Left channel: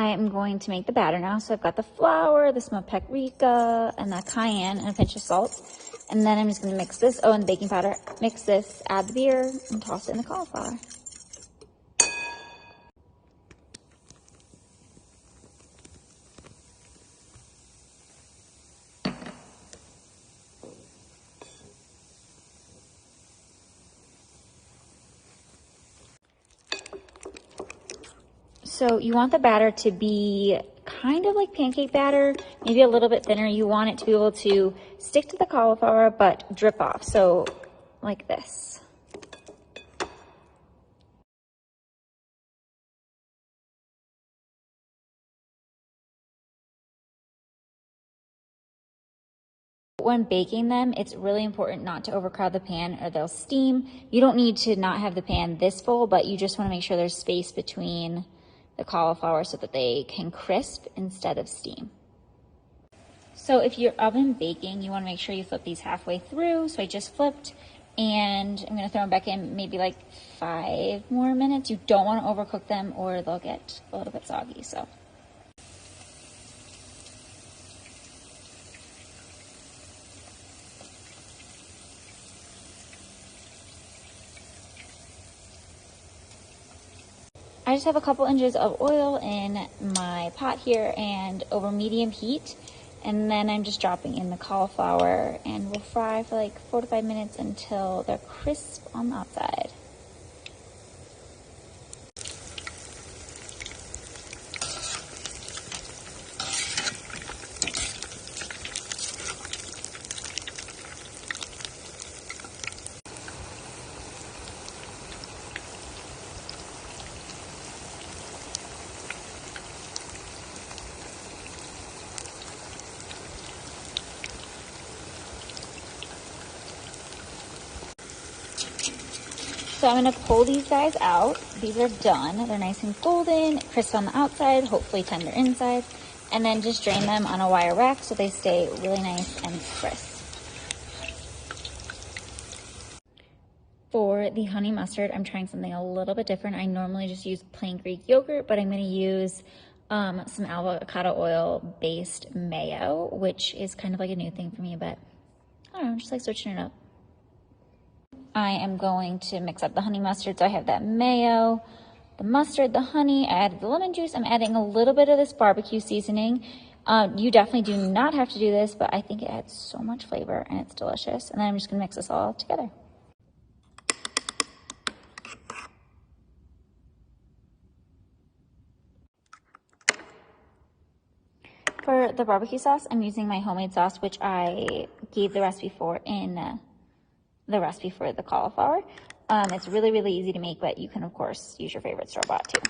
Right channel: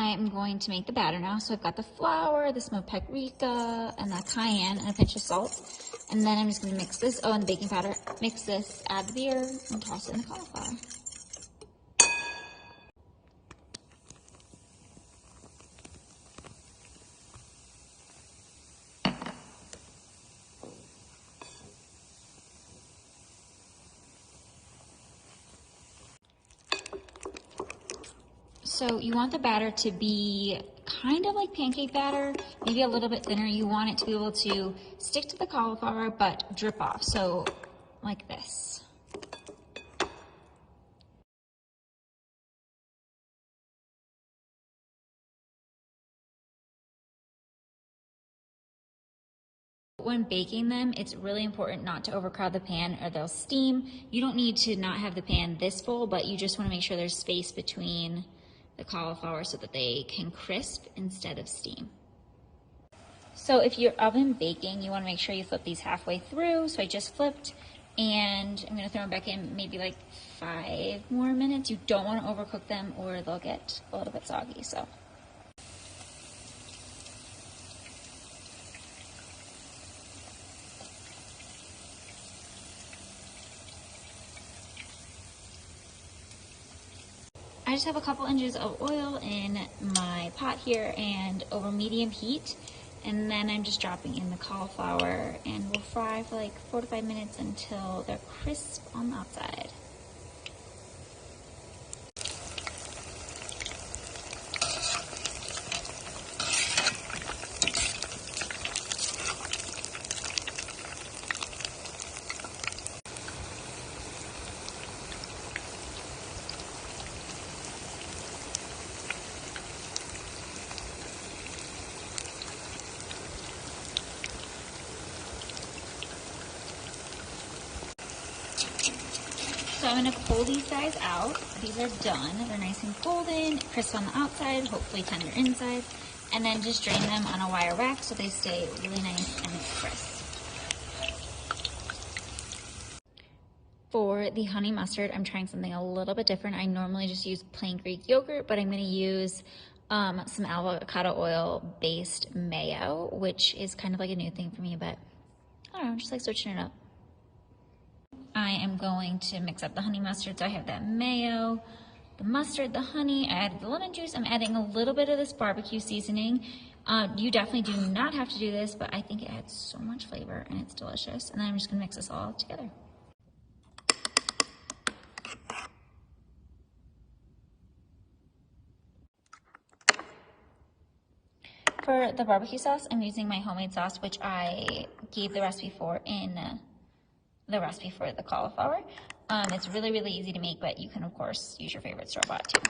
I am going to make the batter now. So I've got the flour, the smoked paprika, and the cayenne, and a pinch of salt. And then I'm just gonna mix this, and the baking powder. Mix this, add the beer, and toss it in the cauliflower. So you want the batter to be kind of like pancake batter, maybe a little bit thinner. You want it to be able to stick to the cauliflower, but drip off. So like this. When baking them, it's really important not to overcrowd the pan or they'll steam. You don't need to not have the pan this full, but you just want to make sure there's space between the cauliflower so that they can crisp instead of steam. So if you're oven baking, you want to make sure you flip these halfway through. So I just flipped, and I'm going to throw them back in maybe like 5 more minutes. You don't want to overcook them or they'll get a little bit soggy. So I just have a couple inches of oil in my pot here and over medium heat. And then I'm just dropping in the cauliflower, and we'll fry for like 4 to 5 minutes until they're crisp on the outside. So I'm gonna pull these guys out. These are done. They're nice and golden, crisp on the outside, hopefully tender inside. And then just drain them on a wire rack so they stay really nice and crisp. For the honey mustard, I'm trying something a little bit different. I normally just use plain Greek yogurt, but I'm gonna use some avocado oil based mayo, which is kind of like a new thing for me, but I don't know, just like switching it up. I am going to mix up the honey mustard. So I have that mayo, the mustard, the honey, I added the lemon juice. I'm adding a little bit of this barbecue seasoning. You definitely do not have to do this, but I think it adds so much flavor and it's delicious. And then I'm just gonna mix this all together. For the barbecue sauce, I'm using my homemade sauce, which I gave the recipe for in the recipe for the cauliflower. It's really, really easy to make, but you can, of course, use your favorite store-bought too.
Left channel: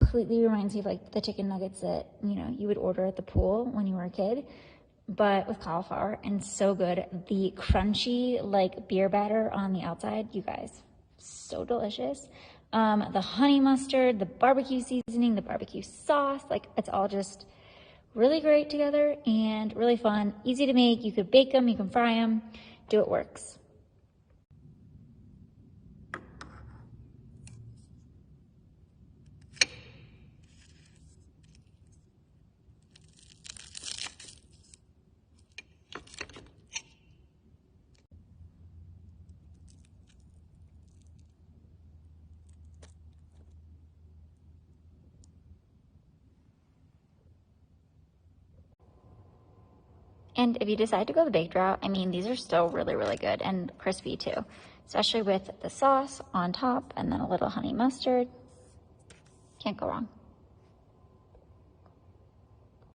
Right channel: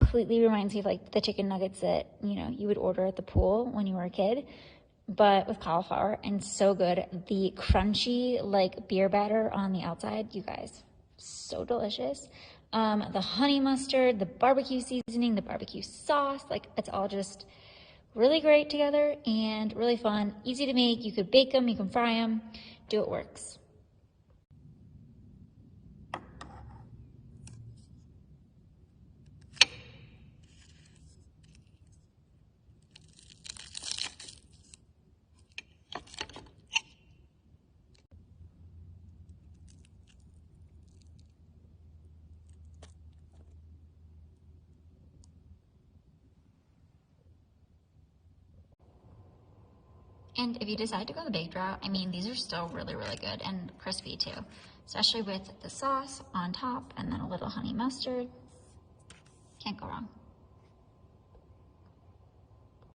Completely reminds me of like the chicken nuggets that, you know, you would order at the pool when you were a kid, but with cauliflower, and so good. The crunchy like beer batter on the outside, you guys, so delicious. The honey mustard, the barbecue seasoning, the barbecue sauce, like it's all just really great together and really fun, easy to make. You could bake them, you can fry them, do it works. And if you decide to go the baked route, I mean, these are still really, really good and crispy too, especially with the sauce on top and then a little honey mustard. Can't go wrong.